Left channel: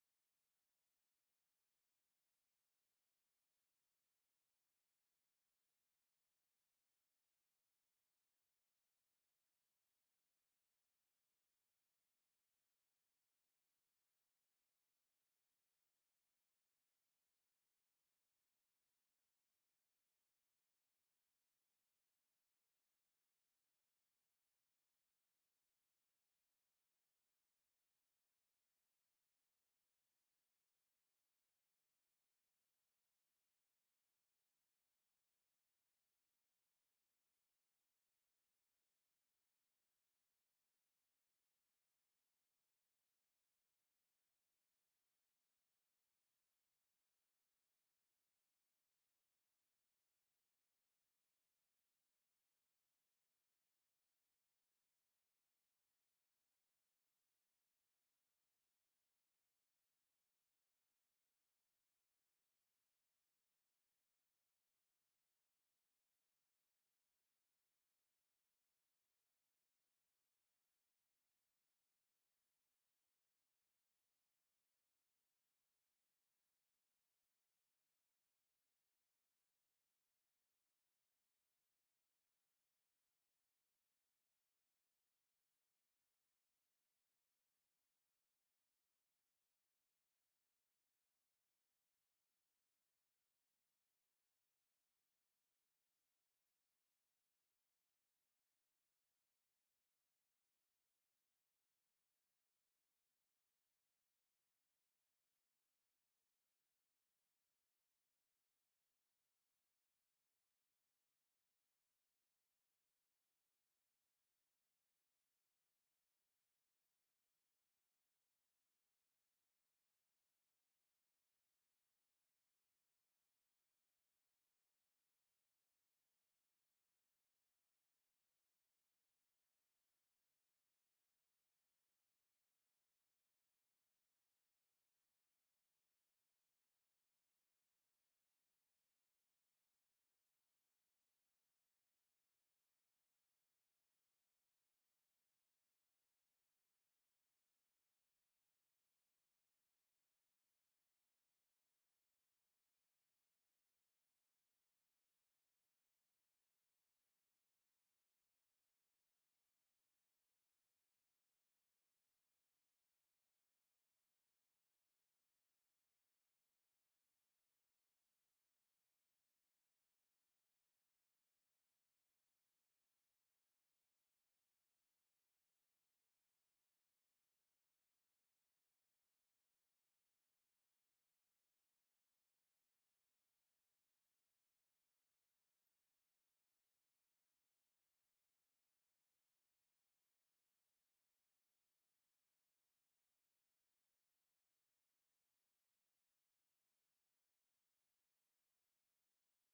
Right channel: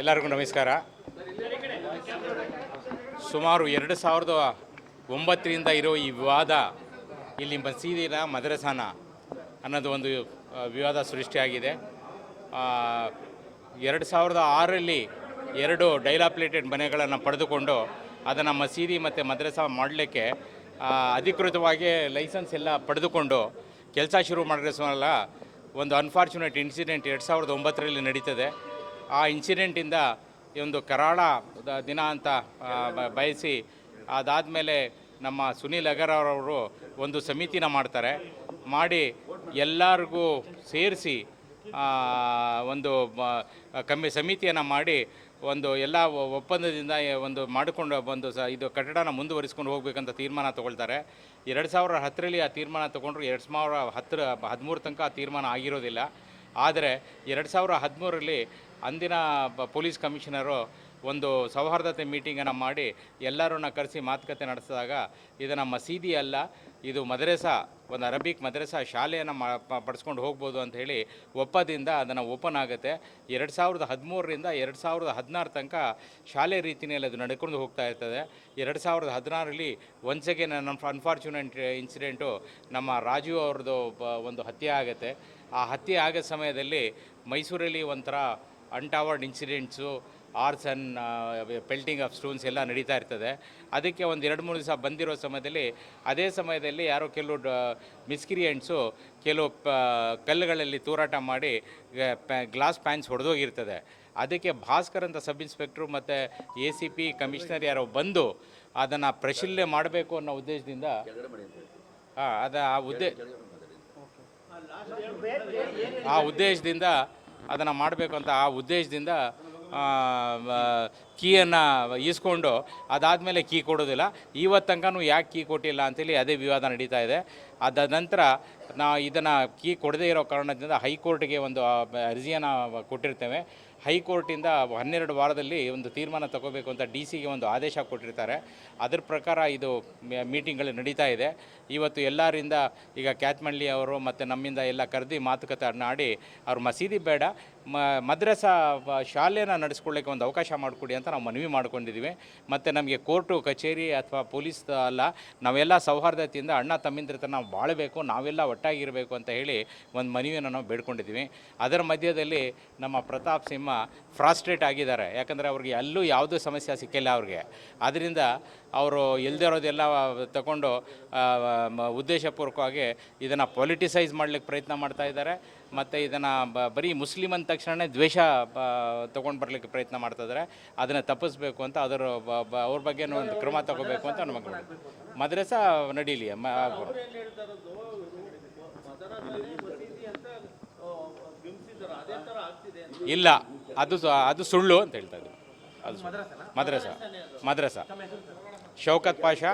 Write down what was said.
ಎಲ್ಲರಿಗೂ ನಮಸ್ಕಾರ. ಸುಮಾರು 2009ರಿಂದ ಇರೋ ಈ ವಿವಾದ ಇಲ್ಲಿ ಮಸೀದಿನ ಮದ್ರಸಾನ ಅನ್ನೋದು ಒಂದು ವಿವಾದ ಸೃಷ್ಟಿಯಾಗಿದೆ. 2006ರಲ್ಲಿ 2 ಡೈಲಾಪ್ಲೇಟೆಡ್ ಮನೆಗಳನ್ನು ಪಡೆದುಕೊಂಡು ಅದನ್ನು ಮಸೀದಿ ಮತ್ತು ಮದ್ರಸಾ ಮಾಡಲಿಕ್ಕೆ ಅಧಿಕೃತವಾಗಿ ಲೈಸೆನ್ಸ್ ಎಲ್ಲ ಪಡೆದುಕೊಂಡು ಕೆಲಸ ಶುರು ಮಾಡಿರೋಲ್ಲ. ಒಂದು ಅನ್ಫಾರ್ಚುನೇಟ್ ಇನ್ಸಿಡೆಂಟ್ 2009ರಲ್ಲಿ ನಡೀತದೆ. ಆ ಇನ್ಸಿಡೆಂಟಿಂದ ಒಂದು ಕರಾಳ ದಿನ ಅಂತ ಬಯಸಿ ಅದಾದಮೇಲೆ ನಮ್ಮ ಸುನೀಲ್ ಅಗರ್ವಾಲ್ ಒಂದು ಸಮಿತಿನ ಮಾಡಿ ಎಲ್ಲರಿಗೂ ಸೇರಿಸಿ ಒಂದು ಸಮಿತಿಯನ್ನು ಮಾಡಿ ಒಂದು ಎಲ್ಲ ಒಪ್ಪಂದದಿಂದ ಒಂದು ಮಾಡಿಕೊಂಡು ಒಂದು ಇದು ಕಟ್ಟಡನ ಮುಂದುವರಿಸ್ಕೊಂಡು ಹೋಗಬೇಕಂತ ತೀರ್ಮಾನ ತೊಗೊಳ್ತಾರೆ. 2010ರಲ್ಲಿ ಆ ತೀರ್ಮಾನ ತೊಗೊಂಡ್ರು. 2013 ತನಕ ಆ ತೀರ್ಮಾನ ಆಗಿರೋದಿಲ್ಲ. ಆದರೆ 2013ರಲ್ಲಿ ಅಂದಿನ ಪೊಲೀಸ್ ಕಮಿಷನರು ಒಂದು ಸೌಹಾರ್ದತೆ ಮೀಟಿಂಗನ್ನು ಮಾಡಿ ಎಲ್ಲರನ್ನ ಕರೆಸಿ ಮಾತುಕತೆ ನಡೆಸಿದಾಗ ಇದನ್ನು ಮಸೀದಿ ಅಲ್ಲ, ಇದು ಮದ್ರಸಾ, ಒಂದು ಅರಬಿಕ್ ಮದ್ರಸಾ ಶಾಲೆಯನ್ನು ಪಡಿಸ್ಕೊಂಡು ಹೋಗ್ಬೋದು ಅಂತ ಹೇಳಿ ಒಪ್ಪದಿಂದ ಅದನ್ನು ಓಪನ್ ಆಗುತ್ತೆ. 2013ರಿಂದ 2016 ತನಕ ಶಾಲೆ ರೀತಿಯಲ್ಲಿ ಅದು ನಡ್ಕೊಂಡು ಹೋಗ್ತಾ ಇರ್ತದೆ. 2016ರಲ್ಲಿ ಒನ್ಸ್ ಅಗೇನ್ ಅನ್ಫಾರ್ಚುನೇಟ್ ಇನ್ಸಿಡೆಂಟು ನಮ್ಮ ರಾಜು ಅವ್ರದ್ದು ಒಂದು ಹತ್ಯೆ ಆಗುತ್ತೆ. ಆ ಹತ್ಯೆ ಆಗೋ ಸಮಯದಲ್ಲಿ ಮೈಸೂರಲ್ಲಿ ಒಂಥರ untoward incidents, arson, pelting of stones ಎಲ್ಲ ನಡೀತಾ ಇರ್ತದೆ. ಅದಕ್ಕೆ ಒಂದು 2-3 ದಿವಸ ಬಂದಿರೋ ಸಮಯದಲ್ಲಿ ಅದೇ ಸಮಯದಲ್ಲಿ ಯಾರೋ ಕೆಲವು ಮಿಸ್ಕ್ರಿಯೆಂಟ್ಸು ಕೆಲವು ಕಲ್ಲುಗಳಲ್ಲಿ ತೂರಾಟ ಮಾಡಿ ಗ್ಲಾಸ್ ಪ್ಯಾನ್ಸ್ ಹೊಡೆದೋಗಿರ್ತದೆ. ಅದಕ್ಕೆ ಭಾಸ್ಕರ್ ಅಂತ ಸಬ್ ಇನ್ಸ್ಪೆಕ್ಟ್ರು ಮತ್ತು ACP ಕಮಿಷನರ್ ಯಾರೋ ಬಂದು ಅದನ್ನು ಪರಿಶೀಲನೆ ಮಾಡಬೇಕು ಅನ್ನೋ ಉದ್ದೇಶದಿಂದ ಅದನ್ನು ಮಾಡಬೇಕು ಅಂತ ಆ ಉದ್ದೇಶದಿಂದ ಕೀಯನ್ನು ಈಸ್ಕೊಂಡು ಅದಾದಮೇಲೆ ಕೀ ಕೊಡೋದಿಲ್ಲ. ಇವತ್ತು ತನಕನೂ ಯಾಕೆ ಕೀ ಕೊಟ್ಟಿಲ್ಲ ಅಂತೇಳಿ ಅದೇ ವಿವಾದ ನಡೀತಾ ಇದೆ. ಅದಾದ ನಂತರ ಇದನ್ನು ಕೀ ಕೊಡದೇ ಇರೋ ಕಾರಣದಿಂದ ಹೈಕೋರ್ಟ್ಗೆ ಒಂದು ಅರ್ಜಿಯನ್ನು ಕೊಟ್ಟಿರ್ತೇವೆ. ಹೈಕೋರ್ಟಿಂದ 12 ವಾರದಲ್ಲಿ ಒಂದು ತೀರ್ಮಾನ ತಗೋಬೇಕು ಅಂತ DCಗೆ ಒಂದು ಆದೇಶ ಕೊಟ್ಟಿರ್ತಾರೆ. ಅದರ ಪ್ರಕಾರ ಇದು ಮೀಟಿಂಗ್ಗಳು ನಡೀತಾ ಇದೆ. ಇವತ್ತು ಎಲ್ಲರಿಂದ ಈಗ ಕ್ಯಾತ್ಮಳ್ಳಿ ಅವರು ಮತ್ತು ನಮ್ಮಿಂದ ಎಲ್ಲ ಕರೆದು ಮಾತುಕತೆ ಆಡಿ ಅವ್ರು ಮಸೀದಿ ಬೇಡ, ಮದ್ರಸಾ ಶಾಲೆನ ನಡೆಸ್ಕೊಳ್ಳಿಕ್ಕೆ ಒಂದು ಅವಕಾಶ ಮಾಡಿಕೊಡಿ ಅಂತ ನಾವು ಮನವಿ ಮಾಡ್ಕೊಂಡಿದ್ದೀವಿ. ಮತ್ತು ನಮಗೆ ಕೋರ್ಟು ಕಚೇರಿ ಅಥವಾ ಪೊಲೀಸ್ ಅಲ್ಲ, ನಾವೆಲ್ಲ ಸೌಹಾರ್ದತೆಯಿಂದ ಅಣ್ಣ ತಮ್ಮಿಂದ್ರ ನಾವು ಬಾಳಬೇಕು, ನಾವೆಲ್ಲ ಒಟ್ಟಾಗಿರಬೇಕು ಅಂತ ಹೇಳಿ ಒಂದು ಮನವಿಯನ್ನು ನಾವು ಬೇಡ್ಕೊಂಡಿದ್ದೀವಿ. ಅದರ ಮಧ್ಯದಲ್ಲಿ ನಮ್ಮ ಪ್ರತಾಪ್ ಸಿಂಹ ಫ್ರಾಸ್ಟ್ರೇಟ್ ಆಗಿದ್ದಾರೆ. ಯಾಕಂದರೆ ಅವ್ರಿಗೆ ಎಲ್ಲೂ ಯಾವುದೂ ಸಮಸ್ಯೆ ಸಿಕ್ಕಿಲ್ಲ ಅವ್ರಿಗೆ. ಆದ್ದರಿಂದ ಅವರು ಇಲ್ದಿರೋದೆಲ್ಲ ತಗೊಂಡು ಉದ್ದೇಶಪೂರ್ವಕವಾಗಿ ಇದನ್ನು ಪೊಲಿಟಿಸೈಸ್ ಮಾಡಲಿಕ್ಕೆ ಪ್ರಯತ್ನ ಮಾಡ್ತಾ ಇದ್ದಾರೆ. ಮತ್ತು ಇದನ್ನು ಬರೀ ಮುಸ್ಲಿಮ್ ಅಂದ ತಕ್ಷಣ ದ್ವೇಷ ತೊಗೊಂಡು ಬರಲಿಕ್ಕೆ ಪ್ರಯತ್ನ ಮಾಡ್ತಾಯಿದ್ದಾರೆ. ಅದನ್ನು ತಪ್ಪಿಸ್ಬೇಕು ಅಂತ ಅವ್ರ ಬಗ್ಗೆನೂ ಒಂದು ಕ್ರಮ ತಗೋಬೇಕು ಅಂತ ನಮಗೆ ಮದ್ರಸಾ ನಡೀಲಿ. ಇಲ್ಲ, ಅದು ಸುಳ್ಳು ಅಂತ ಹೇಳ್ತಾ ಇದ್ದೀವಿ. ಅದು ಮದ್ರಸಾ ಶೌಕತ್ ಪಾಷಾ